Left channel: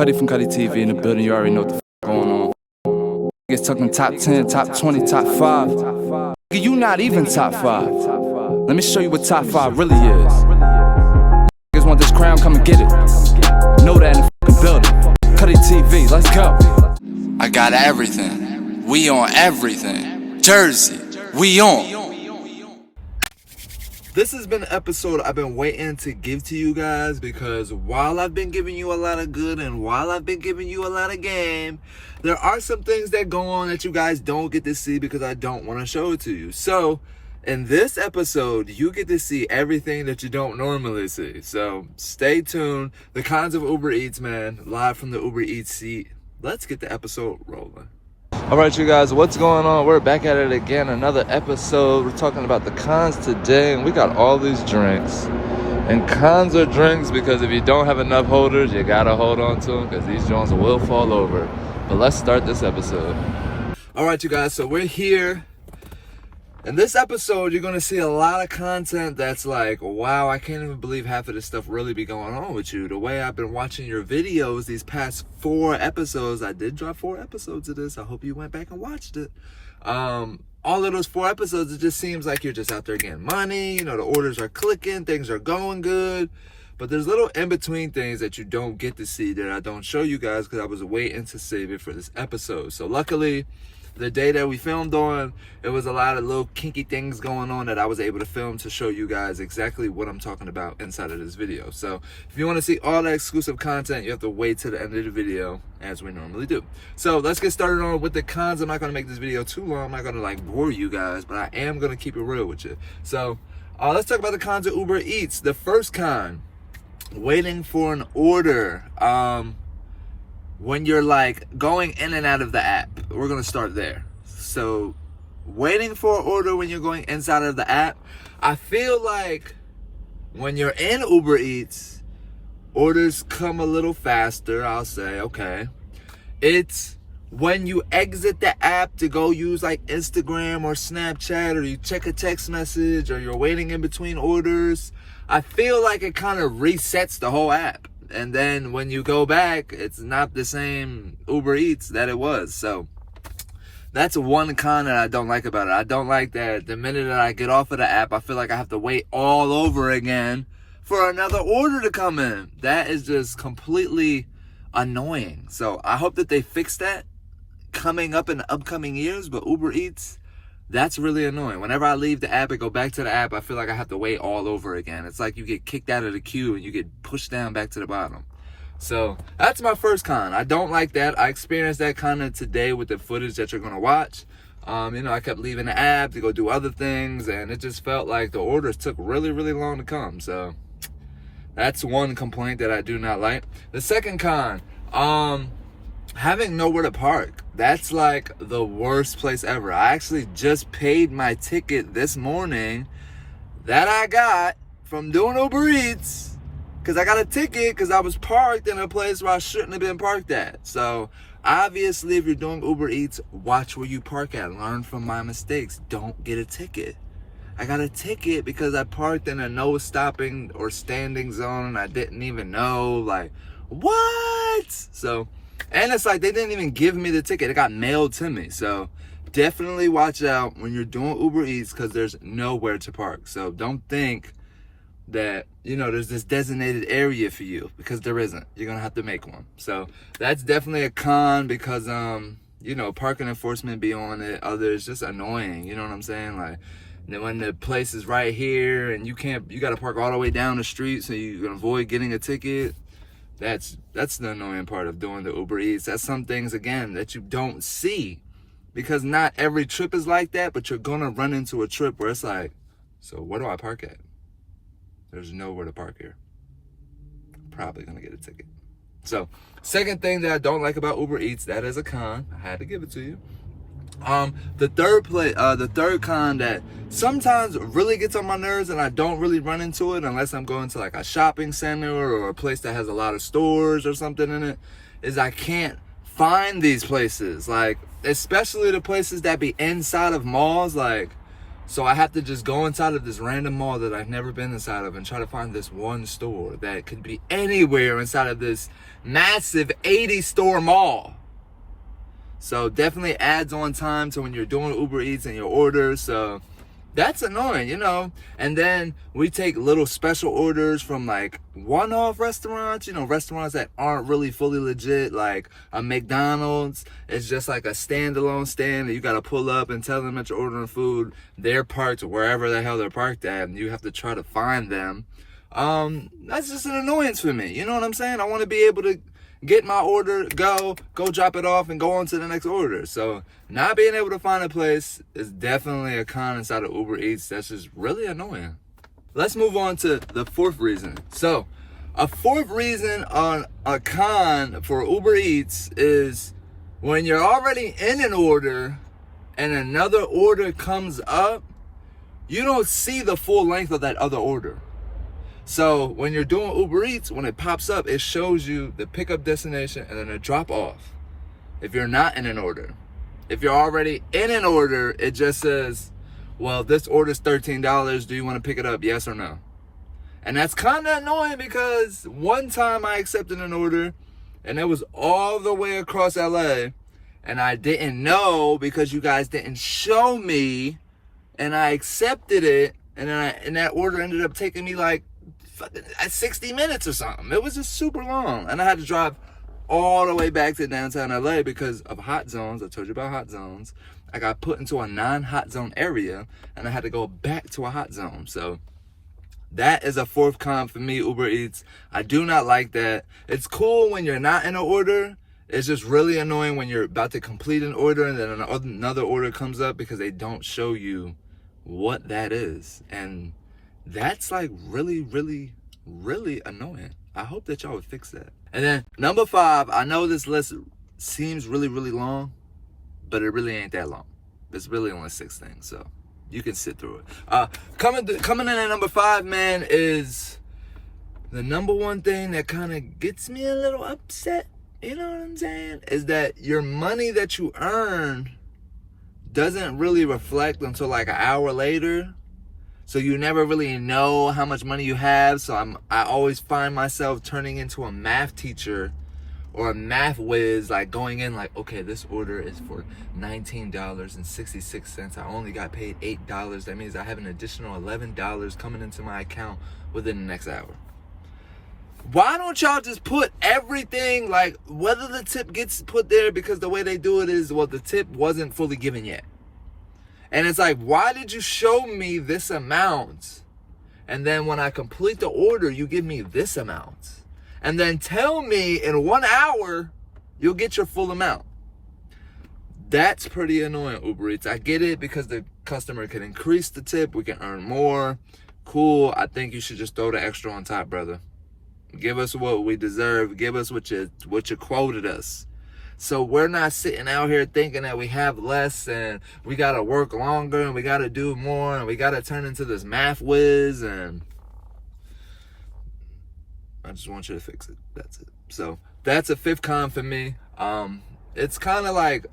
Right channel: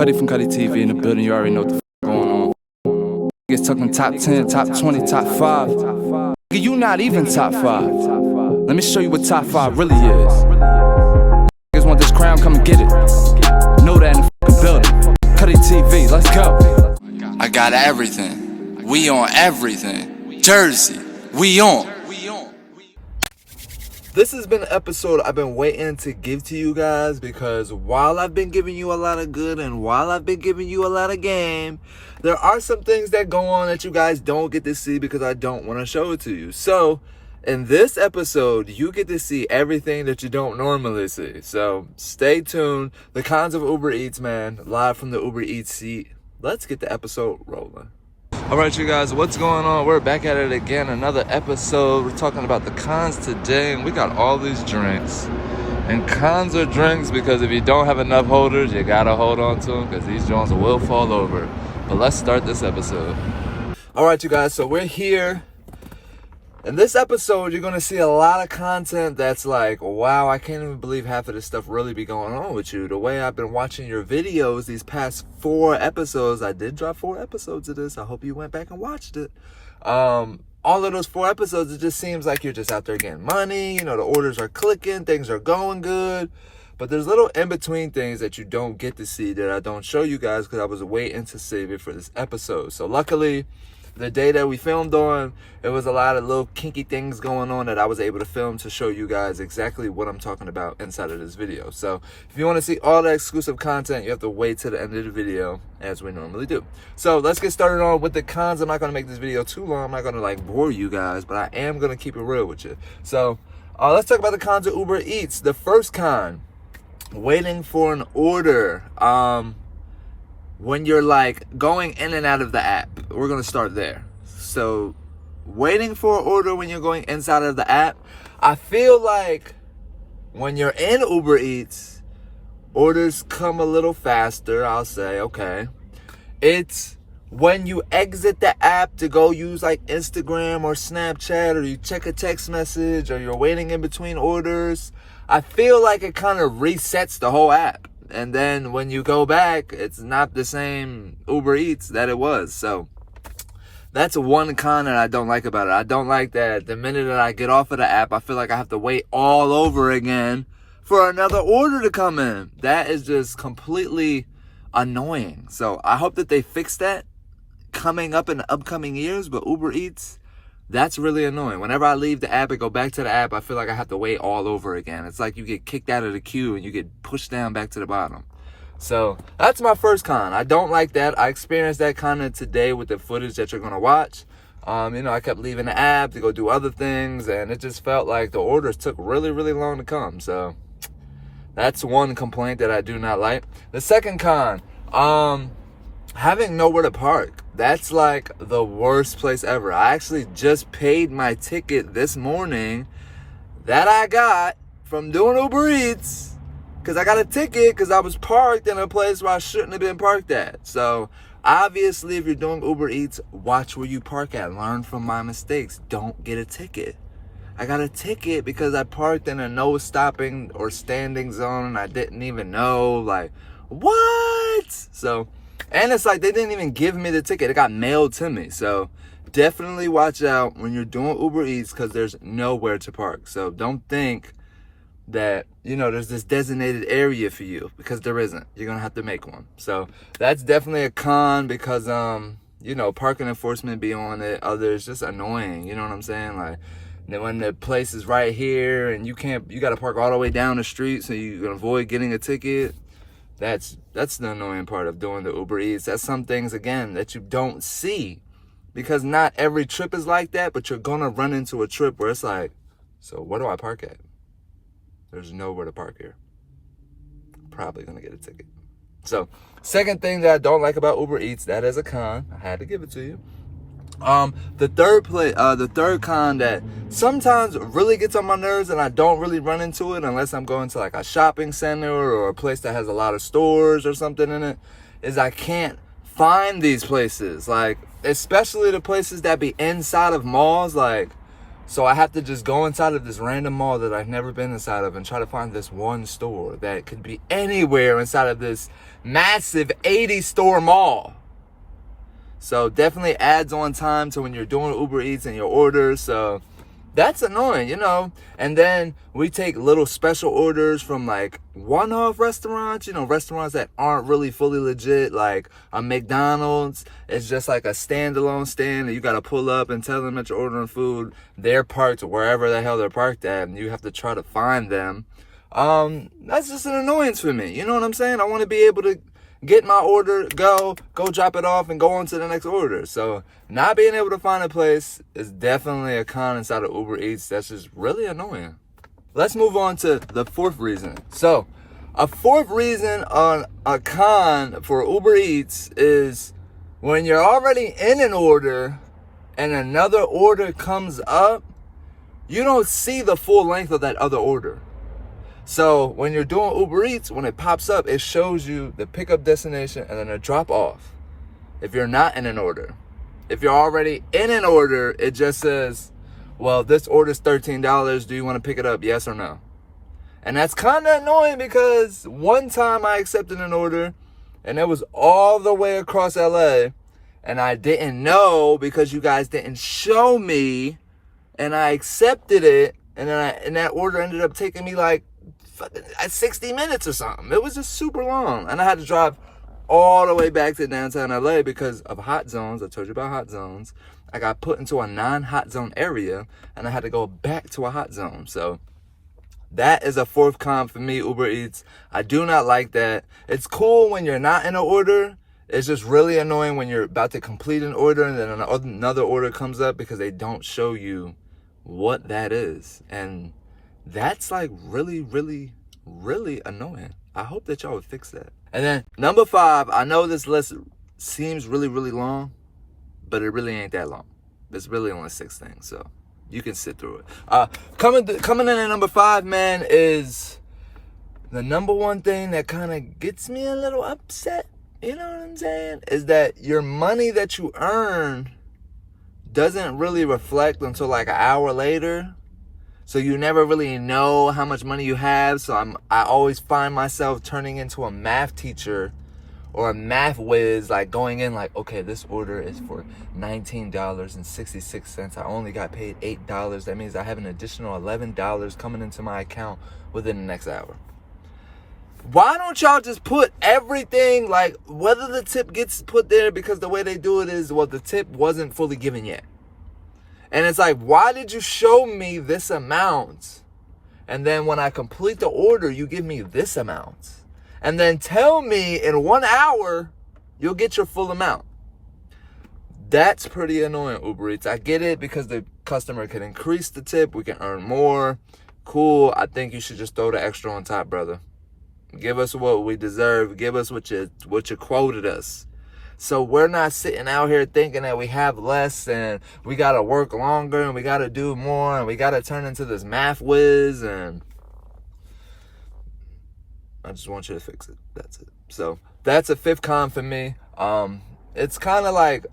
Cuddy from Cuddy TV in the building, you already know what the going on. Niggas talking top 10, top 20, top 5. Nigga, you not even top 5. Let me show you what top 5 really is. Niggas want this crown, come and get it. Know that in the fucking building. Cuddy TV, let's go. I got everything. We on everything. Jersey, we on. This has been an episode I've been waiting to give to you guys because while I've been giving you a lot of good and while I've been giving you a lot of game, there are some things that go on that you guys don't get to see because I don't want to show it to you. So in this episode, you get to see everything that you don't normally see. So stay tuned. The cons of Uber Eats, man, live from the Uber Eats seat. Let's get the episode rolling. All right, you guys, what's going on? We're back at it again, another episode. We're talking about the cons today, and we got all these drinks. And cons are drinks because if you don't have enough holders, you gotta hold on to them because these joints will fall over. But let's start this episode. All right, you guys, so we're here. In this episode, you're gonna see a lot of content that's like, wow, I can't even believe half of this stuff really be going on with you. The way I've been watching your videos these past 4 episodes, I did drop 4 episodes of this. I hope you went back and watched it. All of those 4 episodes, it just seems like you're just out there getting money. You know, the orders are clicking, things are going good. But there's little in-between things that you don't get to see that I don't show you guys because I was waiting to save it for this episode. So luckily, the day that we filmed on, it was a lot of little kinky things going on that I was able to film to show you guys exactly what I'm talking about inside of this video. So if you want to see all the exclusive content, you have to wait to the end of the video as we normally do. So let's get started on with the cons. I'm not going to make this video too long. I'm not going to like bore you guys, but I am going to keep it real with you. So let's talk about the cons of Uber Eats. The first con, waiting for an order. When you're like going in and out of the app, we're gonna start there. So waiting for an order when you're going inside of the app, I feel like when you're in Uber Eats, orders come a little faster, I'll say, okay. It's when you exit the app to go use like Instagram or Snapchat, or you check a text message, or you're waiting in between orders, I feel like it kind of resets the whole app. And then when you go back, it's not the same Uber Eats that it was. So that's one con that I don't like about it. I don't like that the minute that I get off of the app, I feel like I have to wait all over again for another order to come in. That is just completely annoying. So I hope that they fix that coming up in the upcoming years. But Uber Eats, that's really annoying. Whenever I leave the app and go back to the app, I feel like I have to wait all over again. It's like you get kicked out of the queue and you get pushed down back to the bottom. So that's my first con. I don't like that. I experienced that content today with the footage that you're going to watch. You know, I kept leaving the app to go do other things, and it just felt like the orders took really, really long to come. So that's one complaint that I do not like. The second con, having nowhere to park. That's like the worst place ever. I actually just paid my ticket this morning that I got from doing Uber Eats because I got a ticket because I was parked in a place where I shouldn't have been parked at. So obviously, if you're doing Uber Eats, watch where you park at. Learn from my mistakes. Don't get a ticket. I got a ticket because I parked in a no stopping or standing zone and I didn't even know. Like, what? So, and it's like they didn't even give me the ticket. It got mailed to me. So definitely watch out when you're doing Uber Eats because there's nowhere to park. So don't think that, you know, there's this designated area for you because there isn't. You're going to have to make one. So that's definitely a con because, you know, parking enforcement be on it. Others just annoying. You know what I'm saying? Like when the place is right here and you got to park all the way down the street so you can avoid getting a ticket. That's the annoying part of doing the Uber Eats. That's some things, again, that you don't see because not every trip is like that, but you're going to run into a trip where it's like, so where do I park at? There's nowhere to park here. Probably going to get a ticket. So, second thing that I don't like about Uber Eats, that is a con. I had to give it to you. The third con that sometimes really gets on my nerves and I don't really run into it unless I'm going to like a shopping center or a place that has a lot of stores or something in it, is I can't find these places. Like, especially the places that be inside of malls. Like, so I have to just go inside of this random mall that I've never been inside of and try to find this one store that could be anywhere inside of this massive 80-store mall. So definitely adds on time to when you're doing Uber Eats and your orders. So that's annoying, you know. And then we take little special orders from like one-off restaurants, you know, restaurants that aren't really fully legit, like a McDonald's. It's just like a standalone stand that you got to pull up and tell them that you're ordering food. They're parked wherever the hell they're parked at, and you have to try to find them. That's just an annoyance for me. You know what I'm saying? I want to be able to get my order, go drop it off, and go on to the next order. So not being able to find a place is definitely a con inside of Uber Eats. That's just really annoying. Let's move on to the fourth reason. So a fourth reason on a con for Uber Eats is when you're already in an order and another order comes up, you don't see the full length of that other order. So when you're doing Uber Eats, when it pops up, it shows you the pickup destination and then a drop off. If you're not in an order. If you're already in an order, it just says, well, this order's $13. Do you want to pick it up? Yes or no? And that's kind of annoying because one time I accepted an order and it was all the way across LA and I didn't know because you guys didn't show me, and I accepted it, and then and that order ended up taking me like 60 minutes or something. It was just super long. And I had to drive all the way back to downtown LA because of hot zones. I told you about hot zones. I got put into a non-hot zone area and I had to go back to a hot zone. So that is a fourth con for me, Uber Eats. I do not like that. It's cool when you're not in an order. It's just really annoying when you're about to complete an order and then another order comes up because they don't show you what that is. And that's like really, really, really annoying. I hope that y'all would fix that. And then number 5, I know this list seems really, really long, but it really ain't that long. It's really only 6 things, so you can sit through it. Coming in at number 5, man, is the number one thing that kind of gets me a little upset, you know what I'm saying, is that your money that you earn doesn't really reflect until like an hour later. So you never really know how much money you have. So I always find myself turning into a math teacher or a math whiz, like going in like, okay, this order is for $19.66. I only got paid $8. That means I have an additional $11 coming into my account within the next hour. Why don't y'all just put everything, like whether the tip gets put there, because the way they do it is, well, the tip wasn't fully given yet. And it's like, why did you show me this amount? And then when I complete the order, you give me this amount. And then tell me in 1 hour, you'll get your full amount. That's pretty annoying, Uber Eats. I get it because the customer can increase the tip. We can earn more. Cool. I think you should just throw the extra on top, brother. Give us what we deserve. Give us what you quoted us. So we're not sitting out here thinking that we have less and we got to work longer and we got to do more and we got to turn into this math whiz. And I just want you to fix it. That's it. So that's a 5th con for me. It's kind of like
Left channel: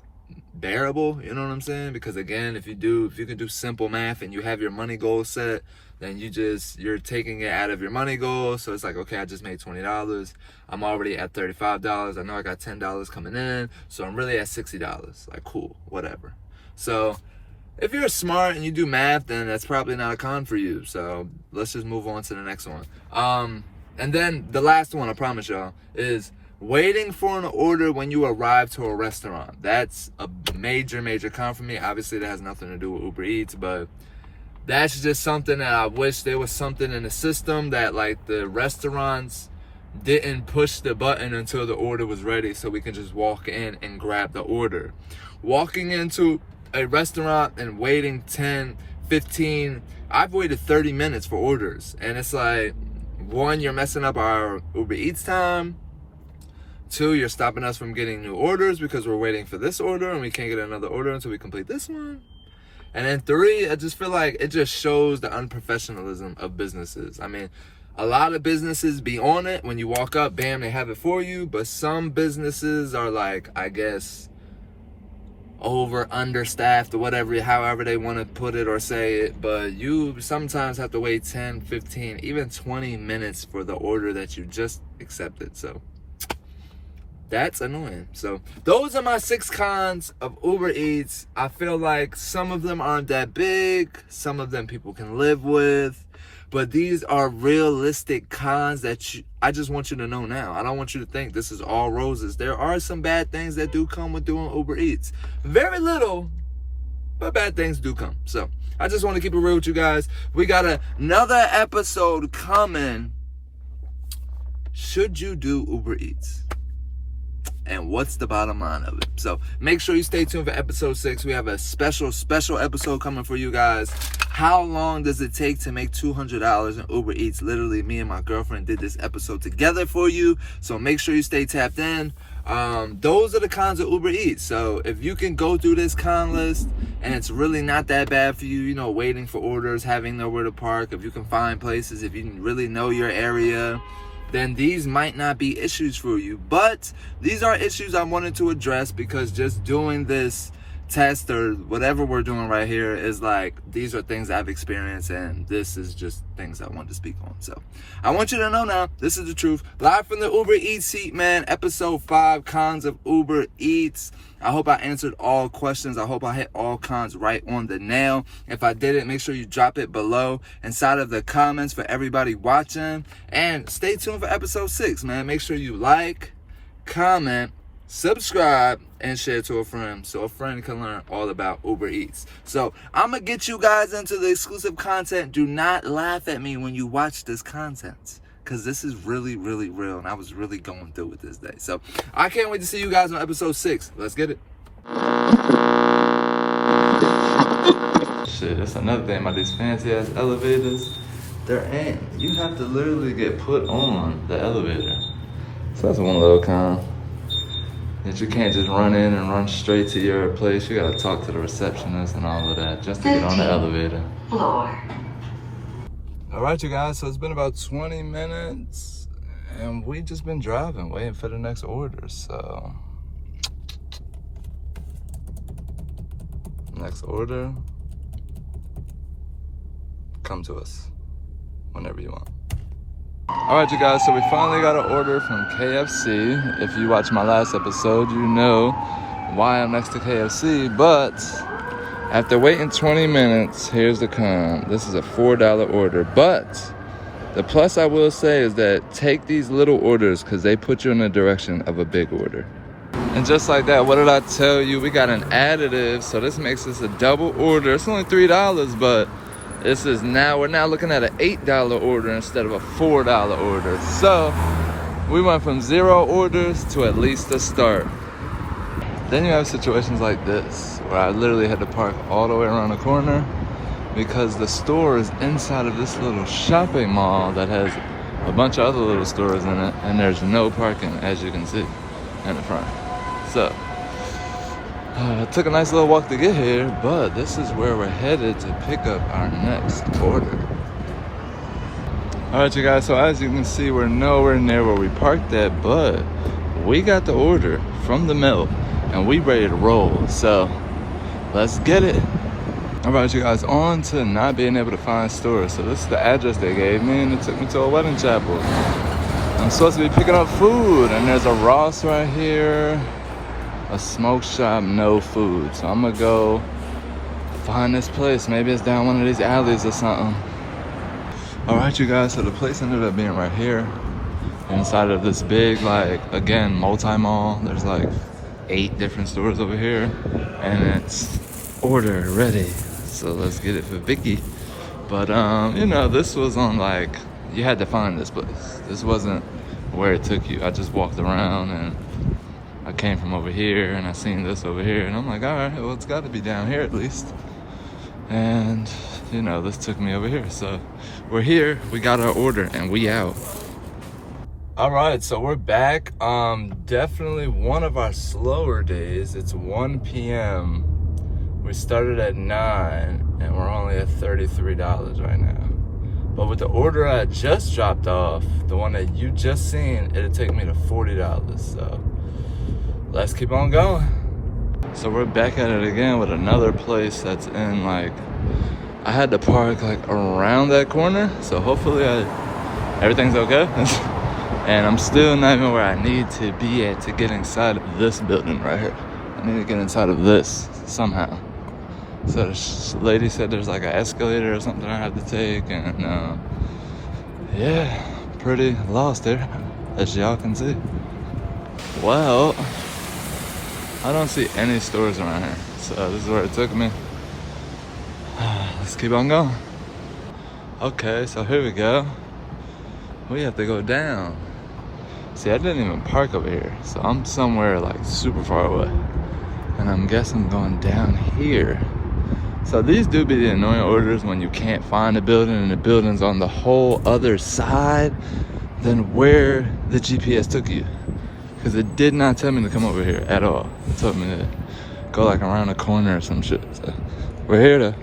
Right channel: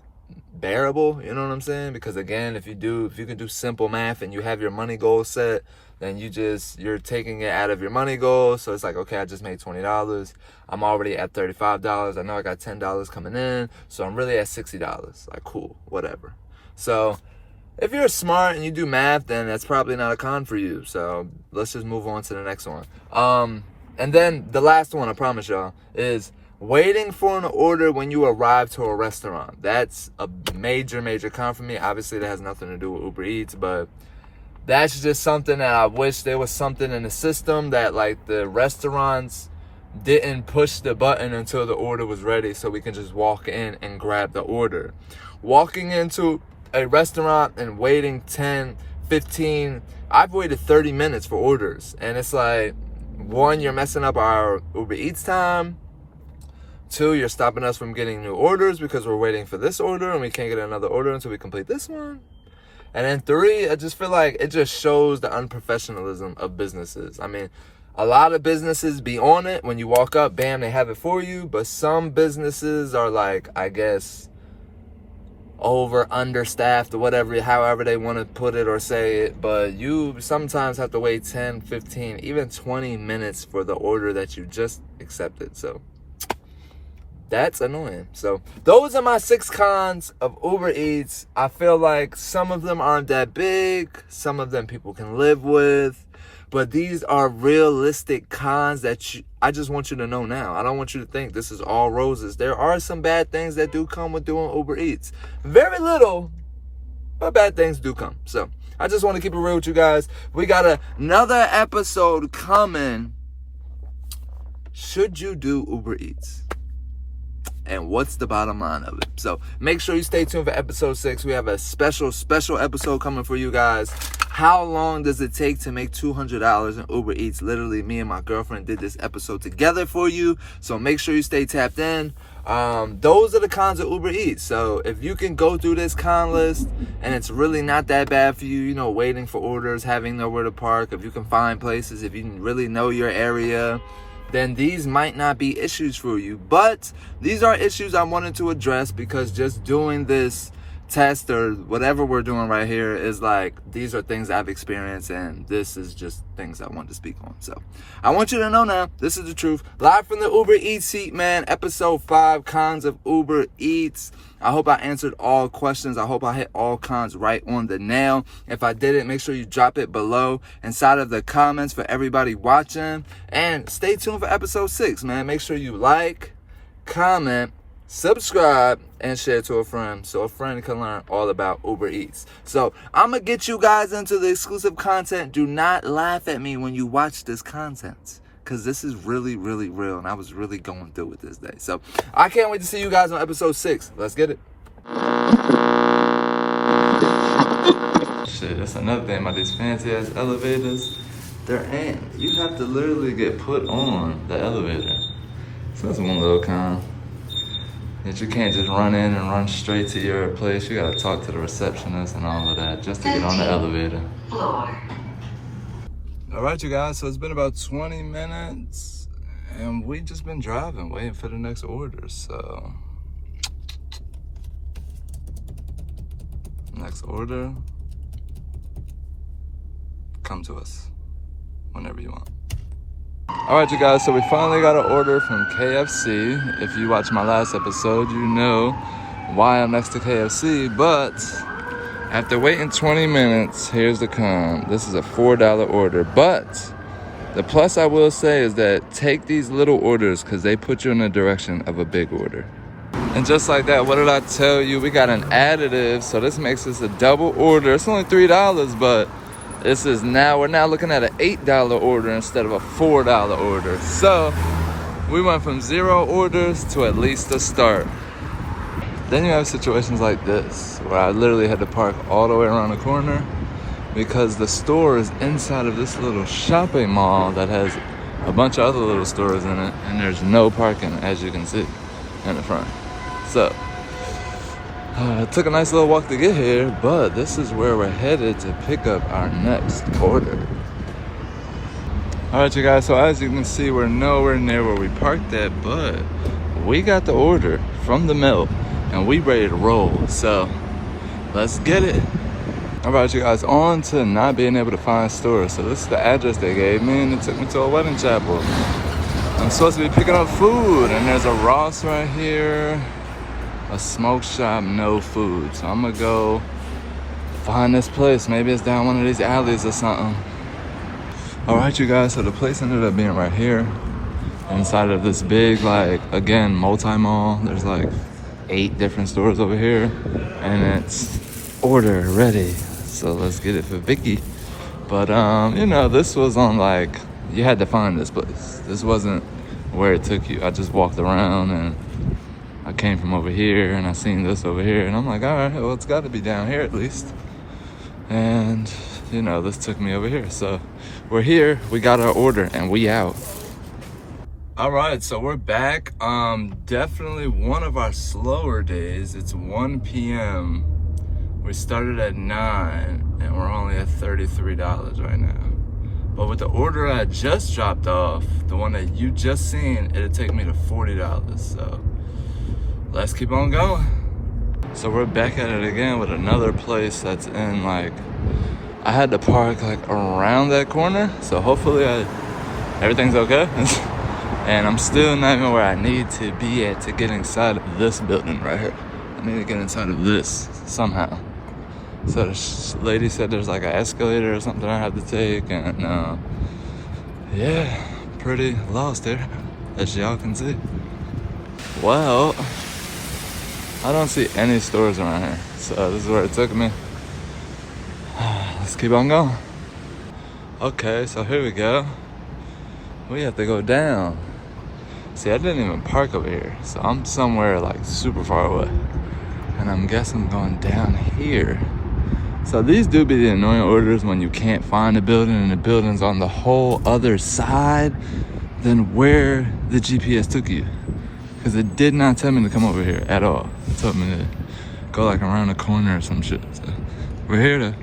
bearable, you know what I'm saying? Because again, if you can do simple math and you have your money goal set, then you're taking it out of your money goal. So it's like, okay, I just made $20. I'm already at $35. I know I got $10 coming in. So I'm really at $60. Like, cool, whatever. So if you're smart and you do math, then that's probably not a con for you. So let's just move on to the next one. And then the last one, I promise y'all, is waiting for an order when you arrive to a restaurant. That's a major, major con for me. Obviously, that has nothing to do with Uber Eats, but that's just something that I wish there was something in the system that like the restaurants didn't push the button until the order was ready so we can just walk in and grab the order. Walking into a restaurant and waiting 10, 15, I've waited 30 minutes for orders. And it's like, 1, you're messing up our Uber Eats time. 2, you're stopping us from getting new orders because we're waiting for this order and we can't get another order until we complete this one. And then 3, I just feel like it just shows the unprofessionalism of businesses. I mean, a lot of businesses be on it. When you walk up, bam, they have it for you. But some businesses are like, I guess, understaffed or whatever, however they want to put it or say it. But you sometimes have to wait 10, 15, even 20 minutes for the order that you just accepted. So That's annoying. So those are my 6 cons of Uber Eats. I feel like some of them aren't that big. Some of them people can live with. But these are realistic cons that I just want you to know now. I don't want you to think this is all roses. There are some bad things that do come with doing Uber Eats. Very little, but bad things do come. So I just want to keep it real with you guys. We got another episode coming. Should you do Uber Eats? And what's the bottom line of it? So make sure you stay tuned for episode 6. We have a special episode coming for you guys. How long does it take to make $200 in Uber Eats? Literally, me and my girlfriend did this episode together for you. So make sure you stay tapped in. Those are the cons of Uber Eats. So if you can go through this con list and it's really not that bad for you, you know, waiting for orders, having nowhere to park, if you can find places, if you can really know your area, then these might not be issues for you. But these are issues I wanted to address, because just doing this test or whatever we're doing right here is like, these are things I've experienced, and this is just things I want to speak on. So I want you to know now, this is the truth. Live from the Uber Eats seat, man. Episode 5, cons of Uber Eats. I hope I answered all questions. I hope I hit all cons right on the nail. If I didn't, make sure you drop it below inside of the comments for everybody watching. And stay tuned for episode 6, man. Make sure you like, comment, subscribe, and share to a friend, so a friend can learn all about Uber Eats. So I'm gonna get you guys into the exclusive content. Do not laugh at me when you watch this content, because this is really, really real, and I was really going through it this day. So I can't wait to see you guys on episode 6. Let's get it. Shit, that's another thing about these fancy ass elevators. You have to literally get put on the elevator. So that's one little con. That you can't just run in and run straight to your place. You gotta talk to the receptionist and all of that just to get on the elevator. Floor. All right, you guys, so it's been about 20 minutes and we just been driving, waiting for the next order. So next order, come to us whenever you want. All right, you guys, so we finally got an order from KFC. If you watched my last episode, you know why I'm next to KFC. But after waiting 20 minutes, here's the con. This is a $4 order. But the plus I will say is that take these little orders, because they put you in the direction of a big order. And just like that, what did I tell you? We got an additive, so this makes this a double order. It's only $3, but we're now looking at an $8 order instead of a $4 order. So we went from 0 orders to at least a start. Then you have situations like this, where I literally had to park all the way around the corner because the store is inside of this little shopping mall that has a bunch of other little stores in it, and there's no parking, as you can see, in the front. So it took a nice little walk to get here, but this is where we're headed to pick up our next order. All right, you guys, so as you can see, we're nowhere near where we parked at, but we got the order from the mill and we ready to roll. So let's get it. All right, you guys, on to not being able to find stores. So this is the address they gave me, and it took me to a wedding chapel. I'm supposed to be picking up food, and there's a Ross right here. A smoke shop, no food. So I'm gonna go find this place. Maybe it's down one of these alleys or something. All right, you guys, so the place ended up being right here inside of this big, like, again, multi-mall. There's like 8 different stores over here, and it's order ready. So let's get it for Vicky. But you know, this was on, like, you had to find this place. This wasn't where it took you. I just walked around and I came from over here and I seen this over here, and I'm like, all right, well, it's got to be down here at least. And you know, this took me over here. So we're here, we got our order, and we out. All right, so we're back. Definitely one of our slower days. It's 1 p.m. We started at 9 and we're only at $33 right now. But with the order I just dropped off, the one that you just seen, it'll take me to $40. So let's keep on going. So we're back at it again with another place that's in, like, I had to park like around that corner, so hopefully everything's okay. And I'm still not even where I need to be at to get inside of this building right here. I need to get inside of this somehow. So this lady said there's like an escalator or something I have to take, and yeah, pretty lost here, as y'all can see. Well, I don't see any stores around here, so this is where it took me. Let's keep on going. Okay, so here we go. We have to go down. See, I didn't even park over here, so I'm somewhere like super far away. And I'm guessing I'm going down here. So these do be the annoying orders when you can't find a building and the building's on the whole other side than where the GPS took you. Because it did not tell me to come over here at all. It told me to go like around the corner or some shit. So we're here to.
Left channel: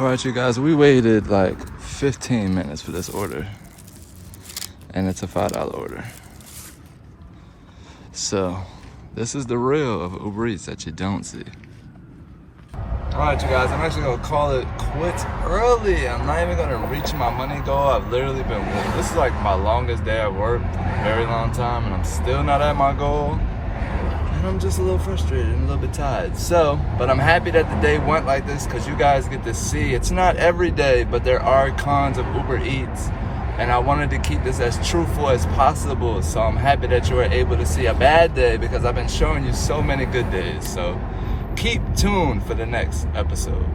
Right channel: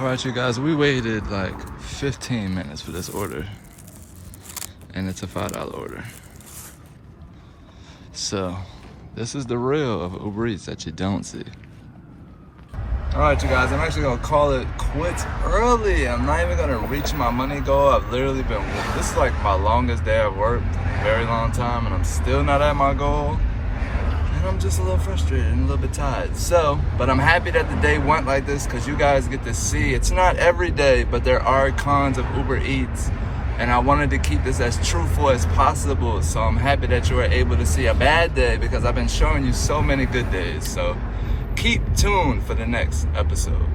All right, you guys, we waited like 15 minutes for this order. And it's a $5 order. So this is the real of Uber Eats that you don't see. All right, you guys, I'm actually gonna call it quits early. I'm not even gonna reach my money goal. I've literally been, this is like my longest day I've worked in a very long time, and I'm still not at my goal. And I'm just a little frustrated and a little bit tired. So, but I'm happy that the day went like this because you guys get to see, it's not every day, but there are cons of Uber Eats. And I wanted to keep this as truthful as possible. So I'm happy that you were able to see a bad day because I've been showing you so many good days. So keep tuned for the next episode.